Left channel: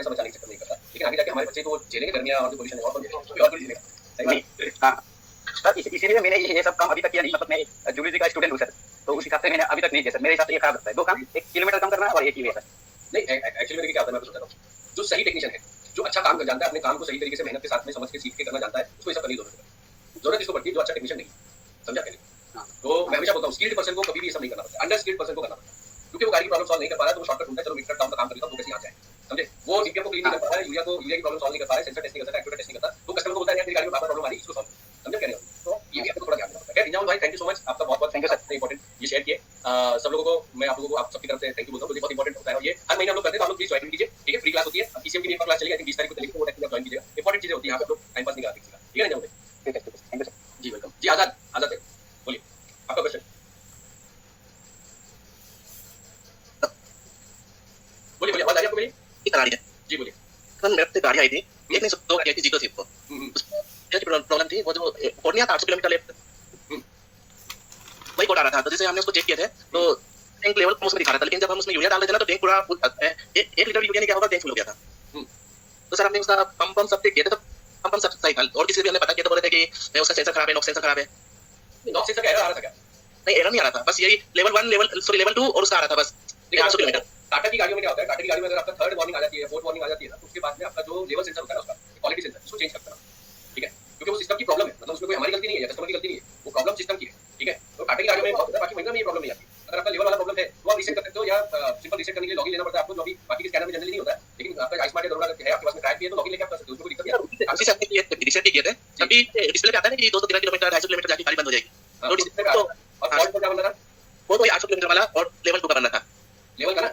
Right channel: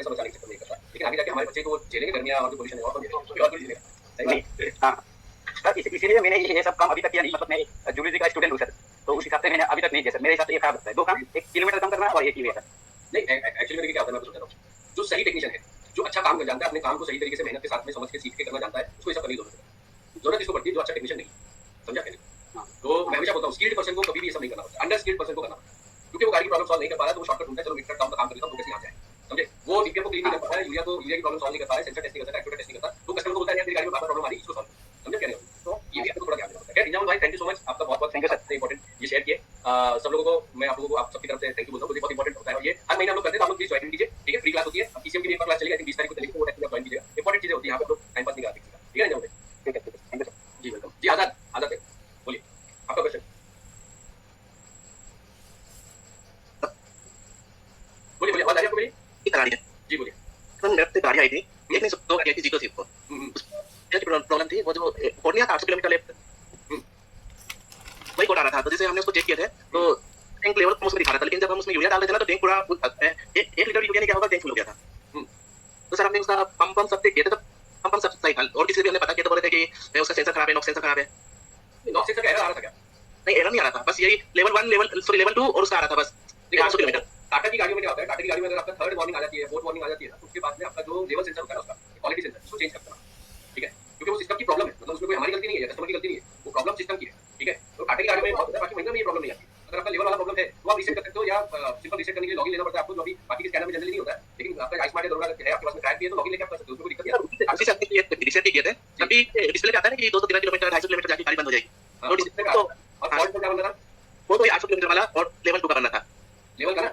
पैसा बचाने के चक्कर में करता है, लेकिन आगे जाके हमारे बच्चे को झेलेंगे गर्मियां और जो पोल्यूशन है और कौन झेलेगा, कोई और थोड़ी झेलेगा, सही नहीं। हाँ सर, इसीलिए मैंने ये सब काम अभी तक किया नहीं, मतलब मैं जूलॉजी का स्टूडेंट हूँ सर, तो उस हिसाब से मैंने अभी तक नहीं किया सर। मेरे हिसाब से ये खराब लगता है, 2 काम, 1 किलोमीटर कम करना और 1 ही वे सर। नहीं एक्चुअली मेरे क्या होता है मैं आपको बताता हूँ, जो सही टेक्नीशियन है, जो अच्छा काम कर जानता है, अपने काम को सही तरीके से मेहनत के साथ में समझ के सीख के करना जानता है, उसको ये सब करने की जरूरत इसको पड़ती है जो अच्छा टेक्नीशियन नहीं समझा के लिए। तो मैं हमेशा बोलता हूँ स्किल्ड पर्सन को कभी भी ये सब नहीं करना पड़ता, अंडर स्किल्ड पर्सन को करना पड़ता है, क्योंकि वो गाड़ी की प्रॉब्लम सॉल्व नहीं कर पा रहा है तो वो शॉर्टकट ढूंढता है, चलो मीटर डाउन का काम कर लेता हूँ, तो कैसे आ जाए, समझे। वो डीपीएफ को क्लीन नहीं कर पा रहा है, यूरिया की प्रॉब्लम सॉल्व नहीं कर पा रहा है, सेंसर टेस्ट नहीं कर सकता, एक्टिवेटर टेस्ट नहीं करता, तो कस्टमर को बोलता है यार तेरी गाड़ी में बार-बार प्रॉब्लम आ रही है, इसको सॉल्व समझे कह रहे हो। तो ये भी आपको थोड़ा ध्यान देना पड़ता है। इंजाम भाई थैंक यू सो मच, आपका बहुत-बहुत थैंक यू सर, इंपॉर्टेंट ये शेयर किए। सब लोगों को मैं आप लोगों को आप सबकी तरफ से थैंक यू बोलता हूँ, मुझे बहुत इंपॉर्टेंट होता है और ये हर महीने हम लोग करते हैं, तो आप लोग प्लीज ज्वाइन कीजिए, ठीक है। फ्री क्लास होती है, अब ईसीएम की भी एक क्लास चलेगी, आई थिंक 20 तारीख को चलेगी, तो वो टाइम ज्वाइन कीजिएगा, इंपॉर्टेंट चीजें होती है यहाँ पे, तो टाइम पास नहीं करते किसी का, ठीक है इंजाम भाई। ठीक है थैंक यू सर। जी वेलकम जी। आजाद आजाद भाई बोलिए आपका क्वेश्चन बोलिए बोलिए, आवाज आ रही है आपको मेरी? गाड़ी है जी बोलिए। तो मेरे पे गाड़ी आई थी, एक नहीं 2 गाड़ी आई थी, जीतो थी वो। क्या प्रॉब्लम थी, वो जो पूर्णिया 800 किलोमीटर लेफ्ट वही कोड आ रहा था, तो जैसे हमने उसको चेक किए थे तो टैंक लेवल कम उसमें दिखा रहा था, लेकिन जब हम उसमें यूरिया डाल रहे थे ना तो टैंक पूरा फुल, 1 लीटर यूरिया ने क्या होगा, टैंक फुल हो गया था। तो सर हमने उसका पंप सब चेक किए थे, तो पंप सब सही था, और किसी भी हमने पता किया तो बोले थे कि उसका सेंसर खराब है, नॉक्स सेंसर खराब है। नॉक्स सेंसर का एरर आ रहा था क्या? नहीं एरर नहीं आ रहा था, बस यही लेवल 1 लेवल 2 और उसका आ रहा था बस 800 किलोमीटर। टाटा की गाड़ियों में क्या होता है, टाटा की गाड़ी में अगर आपका 3rd वार्निंग आ जाती है, 4th वार्निंग आ जाती है ना, तो उसके बाद में आपका जो लेवल सेंसर होता है ना, उसका क्वालिटी सेंसर, उसको चेंज करना, ठीक है, क्योंकि वो सिस्टम की प्रॉब्लम है, मतलब उसमें कोई हमारी गलती नहीं है या कस्टमर की गलती नहीं है, वो प्रॉब्लम सिस्टम की है, ठीक है। तो टाटा की गाड़ियों में बहुत होता है, बाकी महिंद्रा में ये प्रॉब्लम नहीं आती। अगर आपका लेवल वाला प्रॉब्लम है तो आप रीसेट कर सकते हो, या सिंपल रीसेट करने के लिए लॉगिन लेना पड़ता है आपको, जो अभी बाकी के स्कैनर में जनरली नहीं होता है, लेकिन आपका आईस्मार्ट या दरोगा है, आपके पास में ट्रैक भी है, तो लॉगिन लेके आप कर सकते हो, उसमें कोई दिक्कत नहीं है। उसी से हमने ये रीसेट किए थे, तभी डिस्प्ले पे आता है ना कि 213 किलोमीटर 250 किलोमीटर जाके गाड़ी बंद हो जाएगी, तो डिस्प्ले पे और फॉल्ट क्या बनना था, वो तो 800 किलोमीटर वाला और लेवल 2 का करना था, लेवल का ना।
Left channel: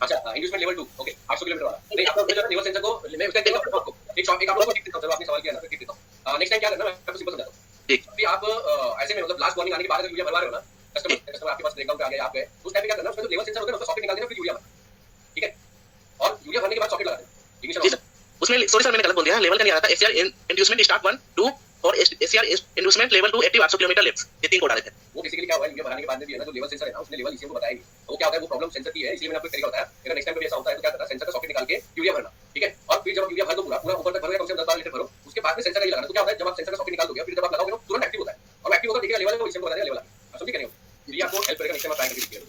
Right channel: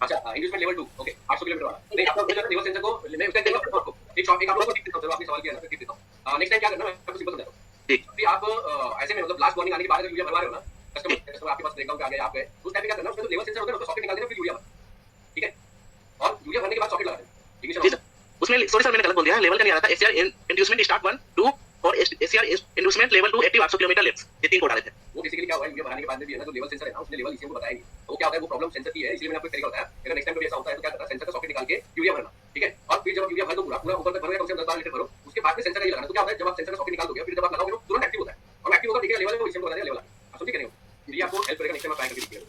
अच्छा इंड्यूसमेंट लेवल 2 ओके 800 किलोमीटर वाला। नहीं आपका लेवल सेंसर को मैं उसका देता हूं आपको, एक शॉप एक आप लोगों को टिप देता हूं, चलो आपने सवाल किया ना, टिप देता हूं। नेक्स्ट टाइम क्या करना मैं आपको सिंपल समझाता हूं, ठीक। अभी आप ऐसे में मतलब लास्ट वार्निंग आने के बाद अगर यूरिया भरवा रहे हो ना, कस्टमर आपके पास ब्रेकडाउन पे आ गया, आप गए, उस टाइम पे क्या करना, उसमें जो लेवल सेंसर होता है ना, उसका सॉकेट निकाल देना, फिर यूरिया भरना, ठीक है। और यूरिया भरने के बाद सॉकेट लगा देना, ठीक है। उसमें सॉरी सर मैंने गलत बोल दिया, लेवल का नहीं आ रहा था, एससीआर इंड्यूसमेंट स्टार्ट 1 2 और SCR inducement level 2 active 800 kilometre left, ये 3 कोड आ रहे थे। वो बेसिकली क्या हुआ है, यूरिया भराने के बाद में भी है ना, जो लेवल सेंसर है ना, उसने लेवल ईसीएम को बताया नहीं, तो वो क्या होता है, वो प्रॉब्लम सेंसर की है, इसलिए मैंने आपको एक तरीका बताया। अगर नेक्स्ट टाइम पे ऐसा होता है तो क्या करना, सेंसर का सॉकेट निकाल के यूरिया भरना, ठीक है। और फिर जब यूरिया भर दो पूरा पूरा ऊपर तक भरोगे, कम से कम 10-12 लीटर भरो, उसके बाद में सेंसर का ये लगाना, तो क्या होता है, जब आप सेंसर का सॉकेट निकाल दोगे, फिर जब आप लगाओगे ना तुरंत एक्टिव होता है, और एक्टिव होकर देखिएगा लेवल है, वो ईसीएम को बता देगा लेवल आ गया, आप समझ गए नहीं हो, ये आपको हेल्प करेगा। नेक्स्ट टाइम आप ट्राई करके देखिएगा।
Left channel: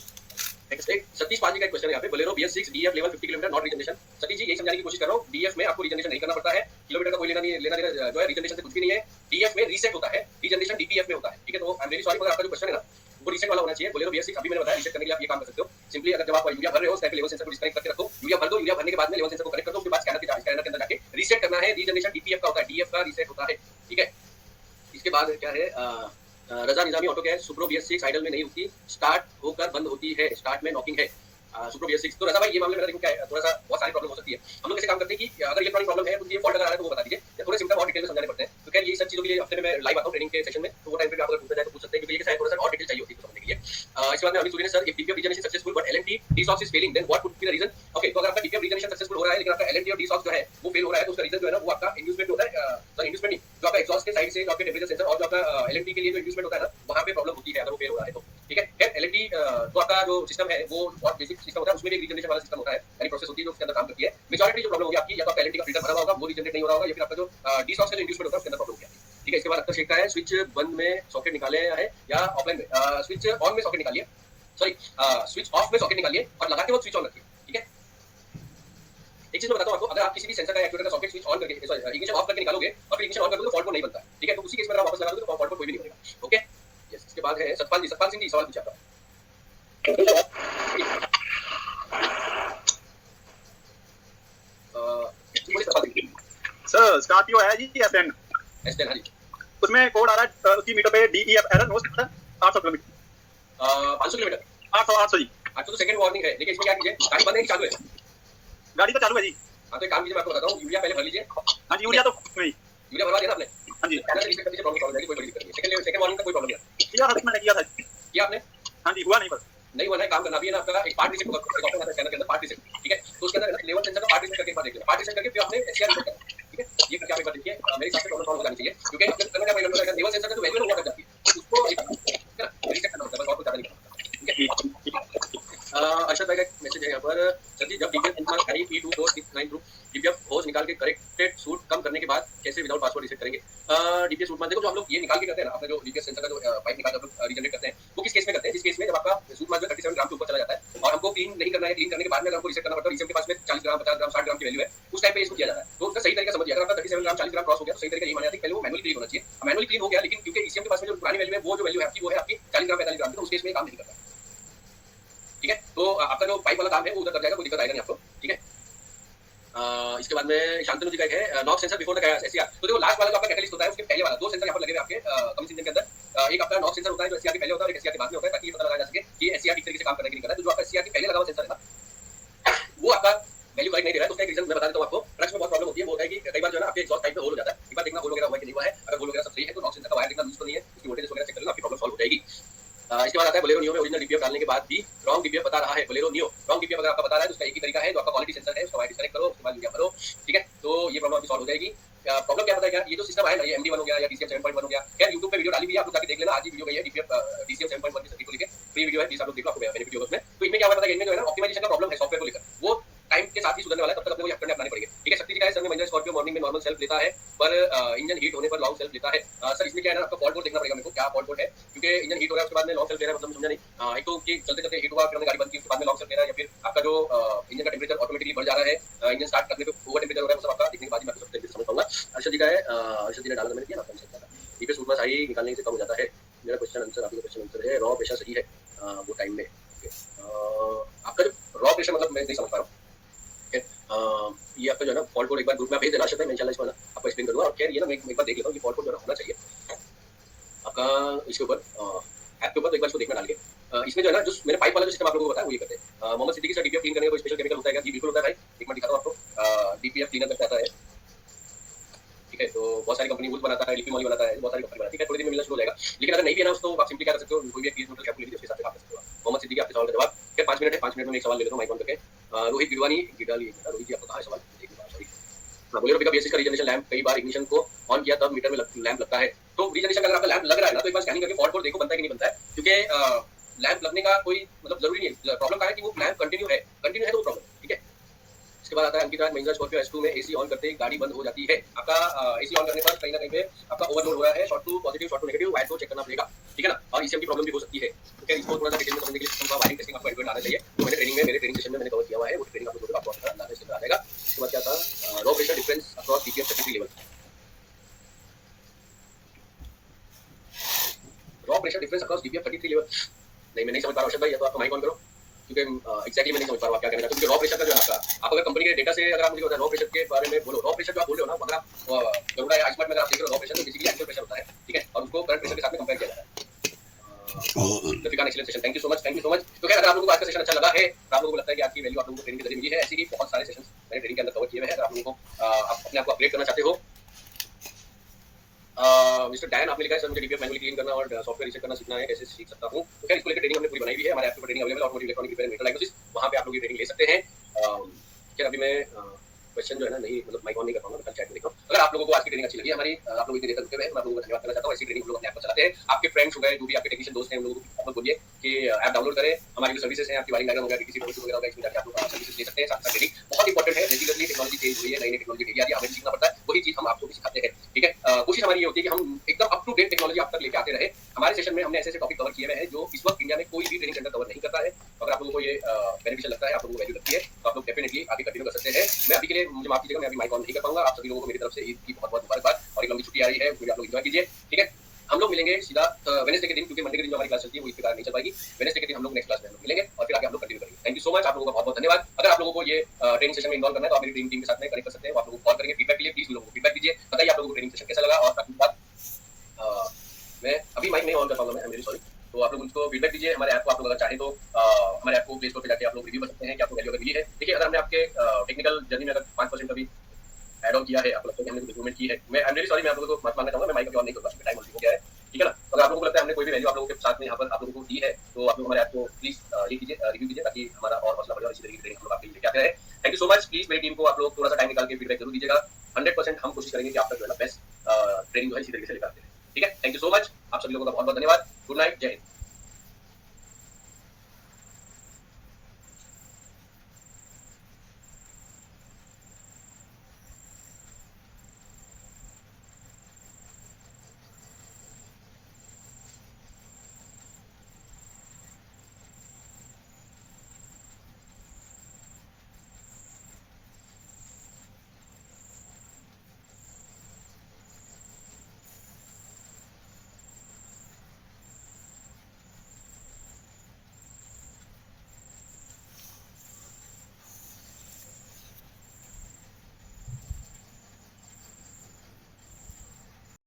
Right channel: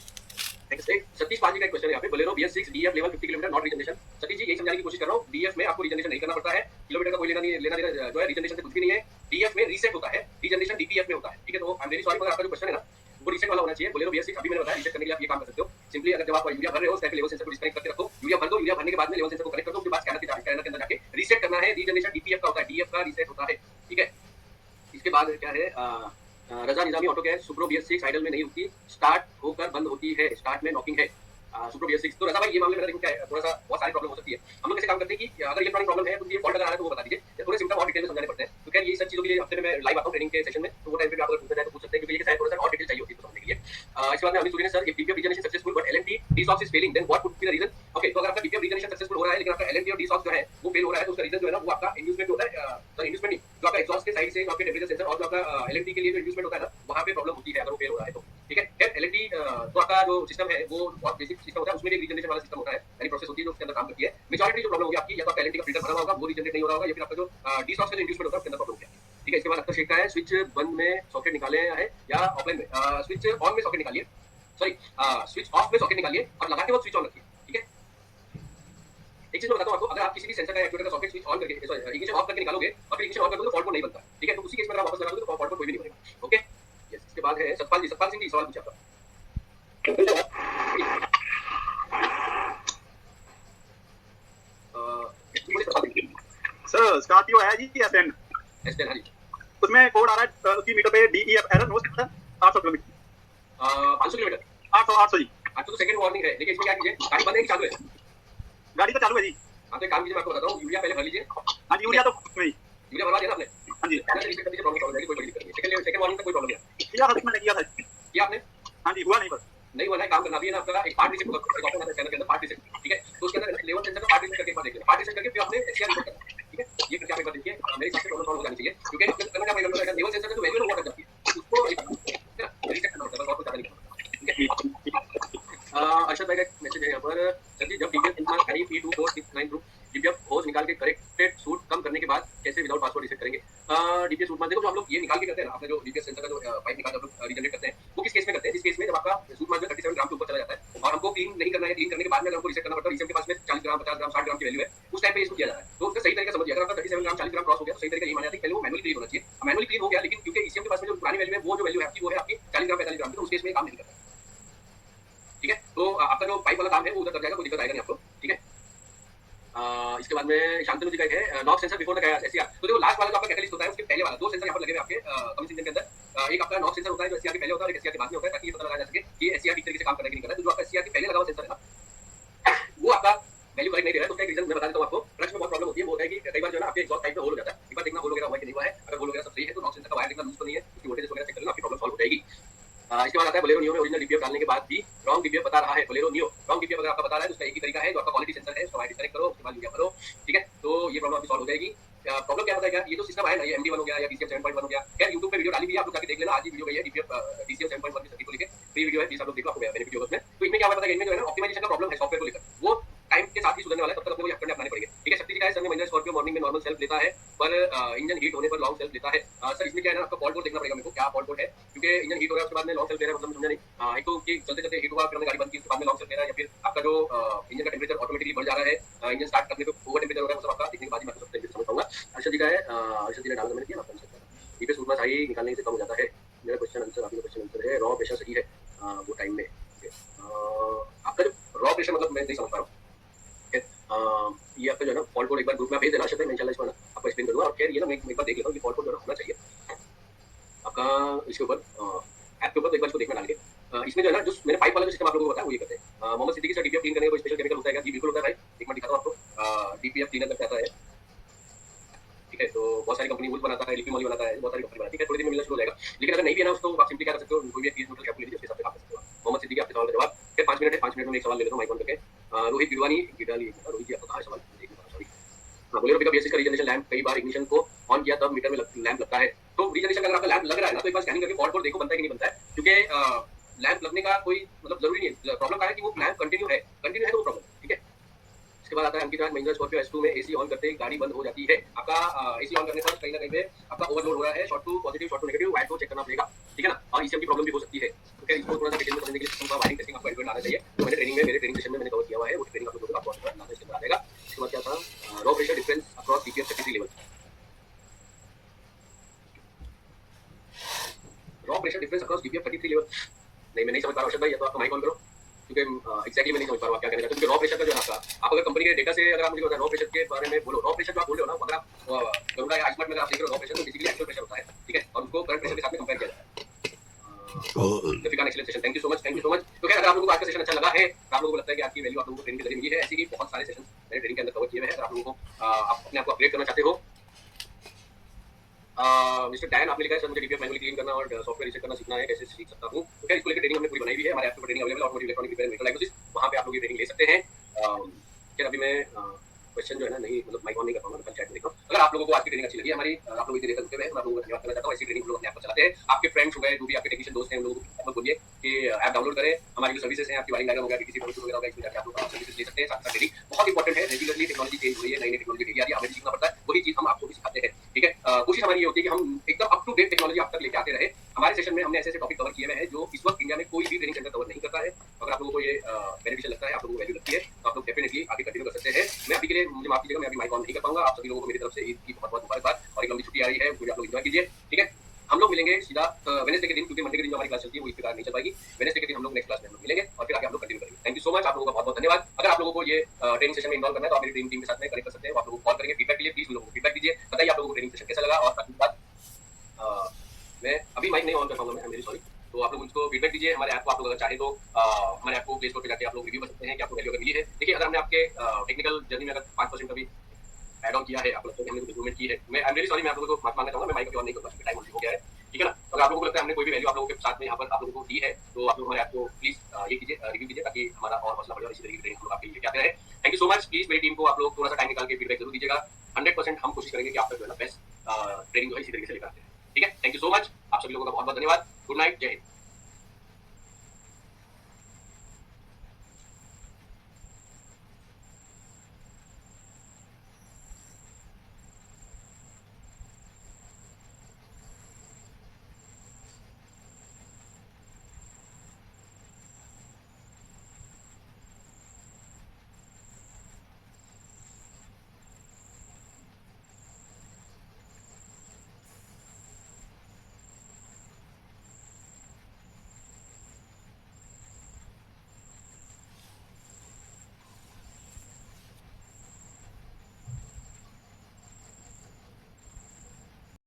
सतीश पाल जी का क्वेश्चन है यहाँ पे, Bolero BS6 DF level 50 kilometre not regeneration. Satish ji यही समझाने की कोशिश कर रहा हूँ, DF में आपको रीजनरेशन नहीं करना पड़ता है, किलोमीटर का कोई लेना देना जो है रीजनरेशन से कुछ भी नहीं है। DF में रीसेट होता है, रीजनरेशन DPF में होता है, ठीक है। तो आई एम वेरी सॉरी, मगर आपका जो क्वेश्चन है ना वो रीसेट वाला होना चाहिए। बोलेरो BS6 अभी मैंने बताया, रीसेट करने के लिए आप ये काम कर सकते हो, सिंपली अगर जब आप यूरिया भर रहे हो उस टाइम पे लेवल सेंसर को डिस्कनेक्ट करके रखो, यूरिया भर दो, यूरिया भरने के बाद में लेवल सेंसर को कनेक्ट कर दो, उसके बाद स्कैनर के अंदर जाके रीसेट करना है। रीजनरेशन DPF का होता है, DF का रीसेट होता है, ठीक है। इसके बाद क्या है, Raza Nizami auto cash Supro BS6 idle में नहीं रुकती, स्टार्ट होकर बंद होती है, स्टार्ट में नॉकिंग है सुप्रो BS6। तो रजा भाई ये मामले में देखो क्या है, थोड़ा सा बहुत सारी प्रॉब्लम हो सकती है। हम लोग कैसे काम करते हैं कि अगर इलेक्ट्रॉनिक प्रॉब्लम है तो ये फॉल्ट अगर आ रहा है तो वो बता दीजिए, या थोड़े सिम्टम और डिटेल में समझाने पड़ते हैं। तो क्या ये सब चीजों के लिए हफ्ते में मैं लाइव आता हूं ट्रेनिंग के सेशन में, तो वो टाइम पे आप अगर पूछना चाहे तो पूछ सकते हैं, क्योंकि ये शायद थोड़ा सा और डिटेल चाहिए होती है समझने के लिए। इसके बाद में अमित सूरी ने sir if DPF regeneration successful but LNT DSOX is failing then what could be the reason. Okay तो अगर आपका DPF रीजनरेशन सक्सेसफुल हो रहा है लेकिन आपका LNT और DSOX जो है वो फेल हो रहा है, तो उसका रीजन जो है ना वो आपका इंड्यूसमेंट होता है, सॉरी इंड्यूसमेंट नहीं, जो आपका एग्जॉस्ट के साइड से जो आपके टेम्परेचर सेंसर और जो आपका LNT के लिए जो इंड्यूसमेंट होता है ना, वहां पे प्रॉब्लम होती है अगर वो फेल हो रहा है तो, ठीक है। फिर LNT तो आपका जो सिस्टम है वो बहुत बेसिक सिस्टम होता है, उसमें भी एक रीजनरेशन वाला सिस्टम होता है, यानी प्रोसेस होती है जो उसके अंदर काम करती है। मेजॉरिटी जो प्रॉब्लम होगी आपकी, या तो आपका LNT का फिल्टर भरा हुआ होगा वो रीजनरेट नहीं हो रहा होगा, या फिर आपका जो DSOX का जो इंड्यूसमेंट होता है उसके अंदर प्रॉब्लम होगी, ठीक है। इसके बाद आपका शेख का है स्विच बंद में सॉकेट निकाले है या ऑफलाइन में, स्विच ऑन में सॉकेट निकालिए, सॉरी स्विच ऑफ में सॉकेट निकालिए और लगाते वक्त स्विच ऑन रखिए, ठीक है। एक चीज मैं बताता हूं आपको, अगर आप किसी भी सेंसर का एक्चुएटर का सॉकेट स्विच ऑन करके सॉरी इग्निशन ऑफ करके निकालोगे और फिर इग्निशन ऑन कर दोगे तो फॉल्ट कोड नहीं बनता है, ठीक है। तो उसी केस में अगर आप वापस लगा दोगे तो फॉल्ट कोड कोई भी नहीं बनेगा, ओके यस। इसके बाद है सतपाल सिंह जी, सवाल पूछिए आपका। सर स्कॉर्पियो है जी एसएन हाँ जी, उसमें कोड आ रहा है उसकी मीटर पे DEF error no sensor 800 kilometre 500 kilometre 800 जी। आपको तो सेकंड वार्निंग है, लेकिन इसमें क्या कीजिए, गाड़ी बंद है कि चालू है? गाड़ी तो चालू है जी। हाँ तो एक काम कीजिए, मैं आपको बताता हूँ, यूरिया पहले भर लीजिए। हाँ जी यूरिया तो नहीं, यूरिया भरवा दिया ना आपने? हाँ जी प्रॉब्लम सॉल्व हो जाएगी, कोई बड़ी दिक्कत नहीं। सेकंड वार्निंग का कोई प्रॉब्लम नहीं किया था, मैंने किया था किया आपने? हाँ जी, हुआ नहीं बस नहीं हुआ है, काम करना भी है ना आपका, एक पार्ट रीसेट होगा, एक ऑप्शन आता है स्कैनर के अंदर पार्ट रीसेट, ठीक है। तो उसके अंदर लेवल सेंसर का पार्ट रीसेट करके एक बार देखिए, पार्ट रीसेट करके फिर आपने SCR रीसेट करना, ठीक है। ये करके आप एक बार देखिए, मेरे हिसाब से प्रॉब्लम सॉल्व हो जानी चाहिए, क्योंकि आपने करना क्या पड़ेगा, अगर लेवल सेंसर का जो वैल्यू है वो कर जाती है, उसको रीसेट करना होता है, बस और कुछ ज्यादा नहीं करना होता, ठीक है। अर्शद भाई का मैसेज है यहाँ पर, सर जी जब DPF बेंचमार्क आई P2469 ग्रुप DPF सूट मास देखो, जो हम लोग ये निकाल के करते हैं ना, अपने जो डीपीएस सेंसर का जो पाइप निकाल कर हम लोग रीजनरेट करते हैं, वो किस केस में करते हैं? जिस केस में जब आपका सूट मास जो 37 ग्राम के ऊपर चला जाता है और हमको क्लीन नहीं करना है, क्लीन करने के बाद में अगर हमको रीसेट करना पड़ता है, ईसीएम के पास में 40 ग्राम, 50 ग्राम, 60 ग्राम की वैल्यू है, उस टाइम पे इसको किया जाता है। तो उसका सही तरीका समझिए, अगर आपका 37 ग्राम 40 ग्राम क्रॉस हो गया तो सही तरीका ये माना जाता है कि पहले वो मैनुअली क्लीन होना चाहिए। मैनुअली क्लीन हो गया, लेकिन क्योंकि ईसीएम के पास में जो पुरानी वैल्यू है, वो जो वैल्यू है आपकी, वो है आपकी 40 ग्राम 45 ग्राम की, तो उस केस में काम नहीं करता है। ठीक है, तो आपका जो पाइप वाला काम है वो उधर कर जाएगा, कोई दिक्कत आएगा नहीं आपको। ठीक है, इसके बाद में शांतनु जी का एक है knock sensor before the SCR. तो देखो लास्ट वाला जो आपका कैटलिस्ट होता है उसके पहले वाला दो सेंसर यहाँ पर लगे हुए आपके कमीशन इंजन के अंदर। एक आपका नॉक सेंसर होता है जो एससीआर के पहले होता है और एक एससीआर के बाद में होता है, ताकि ये पता लगाया जा सके कि एससीआर ठीक तरीके से काम कर रहा है कि नहीं कर रहा है। तो जो आपका एससीआर के पहले लगा हुआ सेंसर है ना, वो आपका वैल्यू करेक्ट नहीं दे रहा है। तो उसका एक रीजन मैं बता देता हूँ आपको। ट्रक्स में बहुत प्रॉब्लम होती है, वो होता है कि कई बार जो है ना आपके एग्जॉस्ट पाइप में होल हो जाता है। एक बार देखना होल वगैरह हुआ है कि नहीं हुआ है। अगर होल वगैरह सब सही है तो नॉक सेंसर का वायर देखना लूज तो नहीं है, उसकी वोल्टेज वगैरह चेक कर लेना, आपकी प्रॉब्लम सॉल्व हो जाएगी। इसके बाद आता है बोलेरो नियो में ओरिजिनल डीपीएफ डालने के बाद भी रॉन्ग डीपीएफ बता रहा है। बोलेरो नियो रॉन्ग डीपीएफ अगर आपका बता रहा है तो उसका एक ही तरीका है, जो आपका क्वालिटी सेंसर है उसका वायर डिस्कनेक्ट करो, उसके बाद यूरिया भरो। ठीक है, तो ये प्रॉब्लम आपकी सॉल्व हो जाएगी। प्रॉब्लम क्या पता है क्या, ये जो सिस्टम है ना, ये MD1 हो गया या DCM 7.1 हो गया, खैर YouTube पे वीडियो डाली हुई है, आप लोग जाके देख लेना। आज ही वीडियो गई है DPF DCM 7.1 की सर्किट को लेके, फ्री वीडियो है, प्लीज आप लोग देखो, आपको बेनिफिट होगा उसमें। तो इनमें क्या पता है, इनमें जो है ना ऑप्टिमाइजेशन का प्रॉब्लम है सॉफ्टवेयर को लेकर, वो टाइम के साथ ही सुधरने वाला है, तब तक अपने को करने अपनाने पड़ेंगे। ठीक है, शक्ति जी का है सर, में महिंद्रा स्कॉर्पियो मॉर्निंग में नॉर्मल सेल्फ लेता है पर इंजन हीट होने पर लॉन्ग सेल्फ लेता है। सर इसमें क्या है ना, आपका फॉल्ट कोड देखना पड़ेगा मेरे को, क्या फॉल्ट कोड है, क्योंकि इंजन हीट हो रहा है उसके बाद में लॉन्ग सेल्फ ले रहा है, मतलब समझा नहीं। एक तो कि चलते चलते हीट हुआ, फिर हमने गाड़ी बंद की, उसके बाद में लॉन्ग सेल्फ ले रहा है, या फिर आपका जो इंजन का टेम्परेचर ऑटोमेटिकली बढ़ जा रहा है, इंजन स्टार्ट करने पे ओवर टेम्परेचर हो रहा है, वो सब आपका देखने के बाद ही मैं आपको सब तरीके से समझ पाऊंगा। अर्षद जी का है, अर्षद जी ने डाला, मैंने किया ना आपको सकता है डीपीएस सूट मास आई निकालने से कम हो जाता है। मेरा क्वेश्चन आंसर, आपका क्वेश्चन आंसर है रॉ प्रेशर सही है वो टाइम में। आपका जो रॉ प्रेशर मतलब मैं नहीं समझ पा रहा हूँ। ये आपका जो है ना फॉल्ट कोड एक बार ग्रुप में भेज देना, मैं इंशाल्लाह इसको ना आपको एक्सप्लेन करूंगा। और खैर ये ना मैं एक बार देख लेता हूँ कि फॉल्ट कोड जो है होना चाहिए आपका इसके ऊपर ऐप के ऊपर, तो एक बार इसको देखना डाल के। इसमें जो है ना जो मैंने पाइप वाला जो सिस्टम आप लोगों को बताया वो ये करते हैं। Mohammed Siddiqui sir DPF clean करने का कोई स्पेशल केमिकल होता है क्या? जी बिल्कुल होता है भाई, एक मिनट दिखाता हूँ आपको। डीपीएफ क्लीनर करके आता है, ठीक है, तो बहुत सारी कंपनी वुल बनाता है, लिपी मॉली बनाता है, बहुत सारी कंपनी बनाती है, थोड़ी देर में मिलना शुरू हो जाएगा। लेकिन अगर नहीं भी है ना उसको आप सिंपली क्या कर सकते हो, कोई भी एक मीटर शैम्पू ले लीजिए, उसके साथ काम कर सकते हो। मोहम्मद सिद्दीकी आपके सवाल का जवाब, फिर 5 मिनट है, 5 मिनट में एक सवाल ले लेता हूँ माइक ऑन करके। रोहित गिरवानी गिडाली, रोहित जी आपका कहाँ है सवाल, सॉरी। हाँ, बोलेरो पिकअप बेसिस का रीजनरेशन लैंप कई बार इग्निशन को ऑन किया तब मीटर में लैंप लगता है। तो रीजनरेशन का अगर आपका लैंप लग रहा है ना, तो एक बार स्कैनिंग करके फॉल्ट कोड देखो बनता है कि नहीं बनता है, क्योंकि लैंप लगने का कोई मतलब जरूरी नहीं है। प्रॉब्लम क्या है कि वो लैंप कंटिन्यू है तो वो प्रॉब्लम है। ठीक है, इसके बाद आता है अंकित राज, महिंद्रा स्कॉर्पियो S2 में एसी ऑन करते ही गाड़ी बंद हो जाती है। आपका एसी ऑन करने पर कहीं ना कहीं पे आपका ओवरलोड हो रहा है, short to positive short to negative wire को चेक करना पड़ेगा। ठीक है ना, और ईसीएम की प्रॉब्लम भी हो सकती है। तो क्या इसको थोड़ा सा डिटेल में समझने के लिए सिस्टम का वायरिंग टेस्टिंग आपको एडवांस आना चाहिए, तो मैंने ट्रेनिंग में मेरे ट्रेनिंग सेशन में मैंने कवर किया हुआ है, वो ट्रेनिंग आप लोगों को आपको अंदर आ जाएगा। इसके बाद क्या था, raw pressure difference across DPF 33 level, raw pressure difference across DPF 33 level नहीं, मैं नहीं समझ पा रहा हूँ अर्षद भाई, या तो आप माइक ऑन करो, क्योंकि एक्जैक्टली मैं नहीं समझ पा रहा हूँ आप क्या कहना चाहते हो। क्योंकि रॉ प्रेशर का जो है आप अगर कंपनी के डेटा से अगर आप मुझे रॉ प्रेशर के बारे में बोलो, रॉ प्रेशर जो आप बोल रहे हो ना, अगर आप गरुड़ा या आइसमार्ट में अगर आप देख रहे हो रॉ प्रेशर, तो बेसिकली एक्चुअल प्रेशर होता है। ठीक है, और उसको करंट प्रेशर के साथ में कंपेयर किया जाता है। Excellent session, thank you so much, thank you so much. तो खैर अगर आप लोगों को आज का सेशन अच्छा लगा है, आप लोगों को लगता है कि आपकी वैल्यू आप लोगों को ट्रेनिंग के जरिए मिली है, ऐसी ही बहुत सारे सेशन मैंने ट्रेनिंग के अंदर कवर किए हुए हैं। अगर आप लोगों को आप अपने आप को अपग्रेड करना चाहते हो, मिस्टर डैन आपने लिखा है सर मुझे डीपीएफ मैनुअली क्लीन करना और सॉफ्टवेयर रीसेट करना सीखना है, कैसे सीख सकता हूं? तो खैर इसको लेकर ट्रेनिंग हमने पूरी बनाई हुई है, हमारे ऐप पे ट्रेनिंग अवेलेबल है, automotive electronic repair metal diagnosis, वहां पे आप लोग ये ट्रेनिंग ले सकते हैं। खैर अभी मैं क्वेश्चन जो है ना नहीं मतलब माइक ऑन नहीं कर पाऊंगा, मैं कल चैट में देखता हूं। अगर आप लोगों को आज की ट्रेनिंग अच्छी लगी हमारी, आप लोग इतनी देर तक रुके हुए हैं, मैं आप लोगों को धन्यवाद करना चाहता हूं। ऐसी ट्रेनिंग हम लोग अपने ऐप पर चलाते हैं। आपके फ्रेंड्स हो गए, जो भी आपके टेक्नीशियन दोस्त हैं, उन लोगों को आप लोग बोलिए कि ऐप डाउनलोड करें। हमारी जो सर्विसेज हैं, आपकी वायरिंग डायग्राम हो गया, किसी ट्रबल शूट वगैरह होगा, इसमें जाके आप लोग सर्विसेज ले सकते हैं। साथ साथ ट्रेनिंग बहुत इंपॉर्टेंट है, रेगुलरली टेक्नोलॉजी चेंज हो रही है, नई नई टेक्नोलॉजी डेली आ रही है, हमें भी सीखना पड़ता है, वही चीज हम आपको भी सिखाते हैं। ठीक है, कोशिश हमारी ये होती है कि हम एकदम अप टू डेट टेक्नोलॉजी आप तक लेके आते रहे। हमारे सेशन में हमने ऐसे ऐसे टॉपिक कवर किए हुए हैं जो इस वक्त इंडिया में कोई भी ट्रेनिंग सेंटर कवर नहीं करता है। अगर आप लोगों को ये बेनिफिशियल लगता है, आप लोगों को वैल्यू लगती है, तो आप लोग डेफिनेटली आगे कंटिन्यू कर सकते हैं। मैं अभी के लिए मुझे माफ कीजिएगा, मैं अभी माइक ऑन नहीं कर पाऊंगा। आप सभी लोगों को मेरी तरफ से ईद की बहुत बहुत मुबारकबाद, और एक लंबी छुट्टी आ रही है, उसमें आप लोग एंजॉय कीजिए। ठीक है, हम लोग मिलेंगे सीधा वेडनेसडे के दिन, क्योंकि मंडे के दिन जो हमारी क्लास चलती है वो इसके कारण नहीं चल पाएगी। वेडनेसडे के दिन हम लोग नेक्स्ट क्लास में हम लोग मिलेंगे और फिर आगे हम लोग कंटिन्यू करेंगे। थैंक यू सो मच, आप लोगों का बहुत बहुत धन्यवाद। अगर आप लोगों को ये ट्रेनिंग सेशन में इन्वॉल्व करना है, तो आप मेरी ट्रेनिंग टीम के साथ में कनेक्ट कर सकते हैं, आप लोगों को कॉल करेंगे फीडबैक के लिए। प्लीज लोगों को फीडबैक दीजिए, बताइए आप लोगों को ट्रेनिंग सेशन कैसा लगा। और बाकी बात मैं अभी माइक नहीं ऑन कर पाऊंगा, मैं वेरी सॉरी। तो आप लोग मुझको फीडबैक दीजिए। हमारे ऐप को आप लोग अगर चाहें तो हमारे ऐप को प्ले स्टोर पे जाके आप लोग रिव्यू कर सकते हैं कि आपको वैल्यू अगर मिली है। देखिए, अगर हमने आपके टेक्निकल जर्नी में अगर 5% कभी ऐड ऑन किया है, आपको लगता है कि हमने कुछ इंप्रूवमेंट की है, मैं आई एम रियली सॉरी, मैं आप लोगों को माफ मांगना चाहूंगा। मैं माइक ऑन नहीं करूंगा, टाइम हो गया है। ठीक है ना, तो अगर आप लोगों को लगता है हमने कोई भी वैल्यू आप लोगों के साथ में यहाँ पर आप लोगों को दी है, तो आप लोग हमारे ऐप को प्लीज ये कीजिए, रिव्यू कीजिए, ताकि हमारा और हौसला बढ़े और इसी तरीके की ट्रेनिंग हम लोग आपके लिए लेके आते हैं। Thank you so much. Please मेरी टीम को आप लोग थोड़ा सा टाइम निकाल के फीडबैक जरूर दीजिएगा। 100% हम कोशिश करेंगे कि आप तक जो है ना बेस्ट ट्रेनिंग जो है इसी तरीके से लेकर आते हैं। ठीक है, थैंक यू सो मच, आप सभी लोगों का बहुत बहुत धन्यवाद। गुड नाइट, जय हिंद।